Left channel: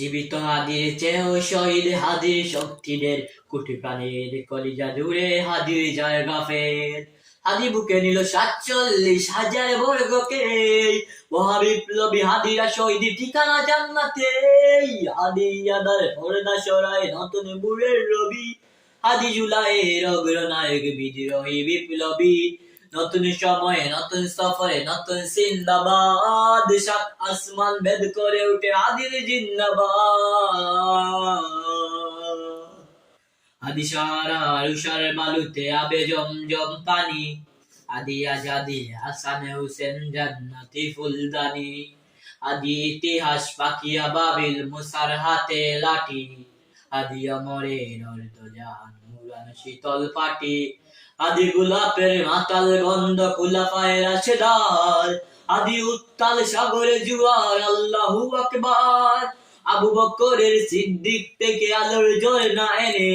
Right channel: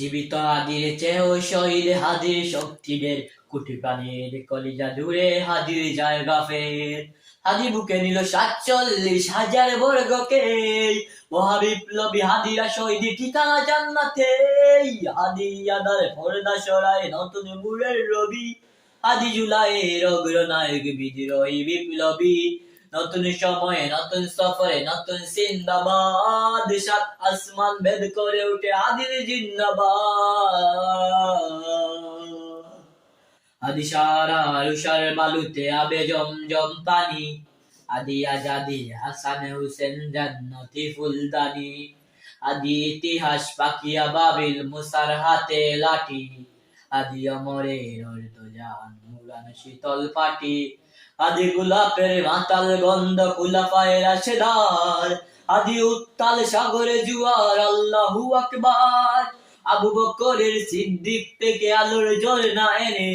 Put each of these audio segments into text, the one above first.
জীবিত হাদির চেয়েও শহীদ হাদির শক্তিদের কোটি প্রাণের কলিজা জুড়ে হাদির জায়গা ফের। হাদি বুকে নিল 47,000 বর্গকে, মহাবিপ্লবী হাদিরা শহীদ ঠিকানা জান্নাতে। হাদি আদার পর্দা সরায় নতুন মুরের রবি, হাদি জুলাইয়ের অগ্রনায়ক বিদ্রোহী বিপ্লবী। নতুন সময়ে নতুন সফরে নতুন জিন্দাবাদ, সাত আসমান ভেদ করে উঠে হাদির জিন্দাবাদ। হাদি সারা উষার বালুতে আবে জমজম পানি, হাদি আজাদি হাসান হুসেন জান্নাতি ফুলদানি। হাদি ইতিহাস পাকিয়া বাবিল মুসার হাতে লাঠি, হাদি অমরের অর্ধজান মুরান শীতল পাটি। হাদি গোলাপের মাতাল গন্ধ খুলাফায়ে রাশেদার, হাদি উত্তাল সাগরে জুয়ার আল্লাহু আকবার। আবু বকরের সিদ্দিক থেকে আলোর ঝর্ণা এনে,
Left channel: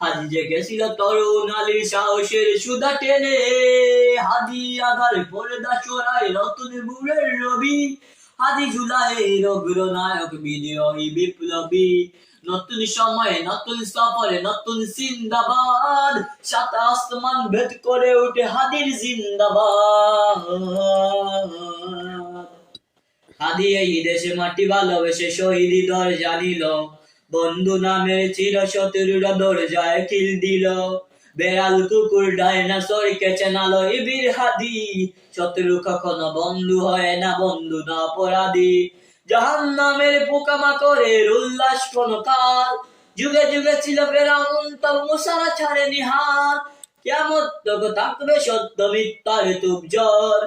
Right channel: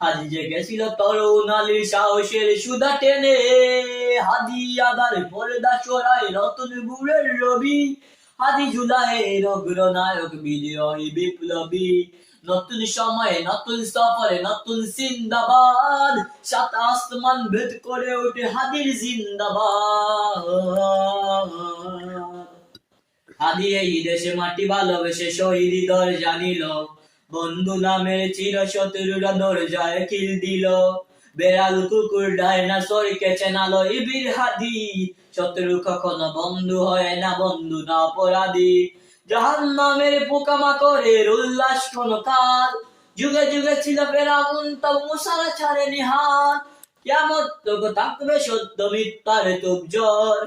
হাদি জেগেছিল তরুণ আলীর সাহসের সুধা টেনে। হাদি আদার পর্দা সরায় নতুন মুরের রবি, হাদি জুলাইয়ের অগ্রনায়ক বিদ্রোহী বিপ্লবী। নতুন সময়ে নতুন সফরে নতুন জিন্দাবাদ, সাত আসমান ভেদ করে উঠে হাদির জিন্দাবাদ। হাদি এই দেশে মাটি ভালোবেসে শহীদি দরজা নিল, বন্ধু নামের চির শত্রুরা দরজায় কিল দিল। বেড়াল কুকুর ডাইনোসরকে চেনালো এই বীর হাদি, শত্রু কখনো বন্ধু হয় না, বন্ধু না অপরাধী। জাহান্নামের পোকামাকড়ের উল্লাস কোন কাল, যুগে যুগে ছিল ফেরাউন তবু মুসা ছাড়েনি হাত। কিয়ামত তবে থাকবে সত্য মিথ্যার তুবজর,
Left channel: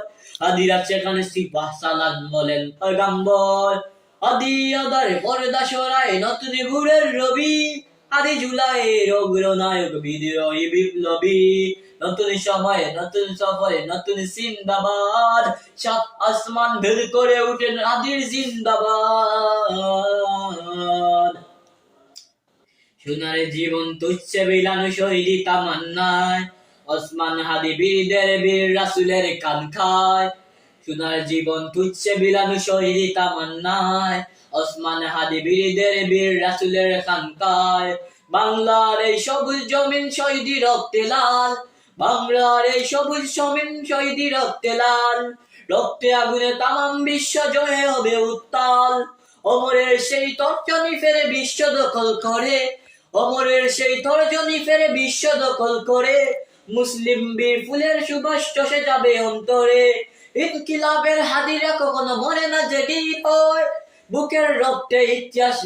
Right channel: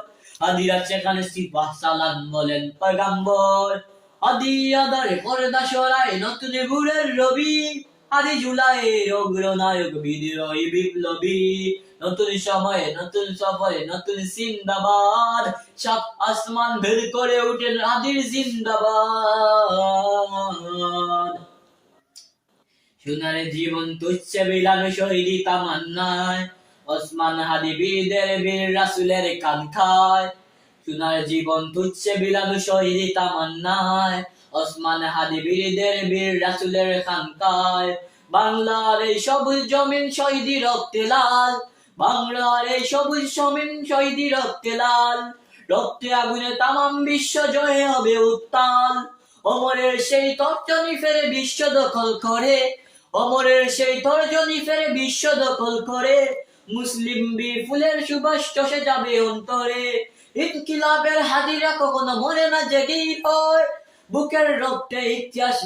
হাদিরা সেখানে সিপাহ সালান বলেন পয়গাম্বর। হাদি আদারে পর্দা সরায় নতুন মুরের রবি, হাদি জুলাইয়ের অগ্রনায়ক বিদ্রোহী বিপ্লবী। নতুন সময়ে নতুন সফরে নতুন জিন্দাবাদ, সাত আসমান ভেদ করে উঠেন হাদির জিন্দাবাদ। সোনার জীবন তুচ্ছে বিলানো শহীদি তামান্নায়, ওসমান হাদি বীরদের বীর রাসূলের কাঙ্ক্ষায়। সোনার জীবন তুচ্ছে বিলানো শহীদি তামান্নায়, ওসমান হাদি বীরদের বীর রাসূলের কাঙ্ক্ষায়। বাংলার এই সবুজ জমিন শহীদি রক্তে লাল, বাংলার এই সবুজ জমিন শহীদি রক্তে লাল। রক্তে আগুনে তামাম বিশ্ব জয় হবে উত্তাল, অমরের সেই তর্জনী ফেরে বিশ্ব দখল করে, অমরের সেই তর্জনী ফেরে বিশ্ব দখল করে। মুসলিম বীর ফুলের সুবাস চষে যাবে অন্তরে, ইনকিলাবের হাদিরা কখনো মরে না জেগেই হয়, বুকের রক্তে ইতিহাস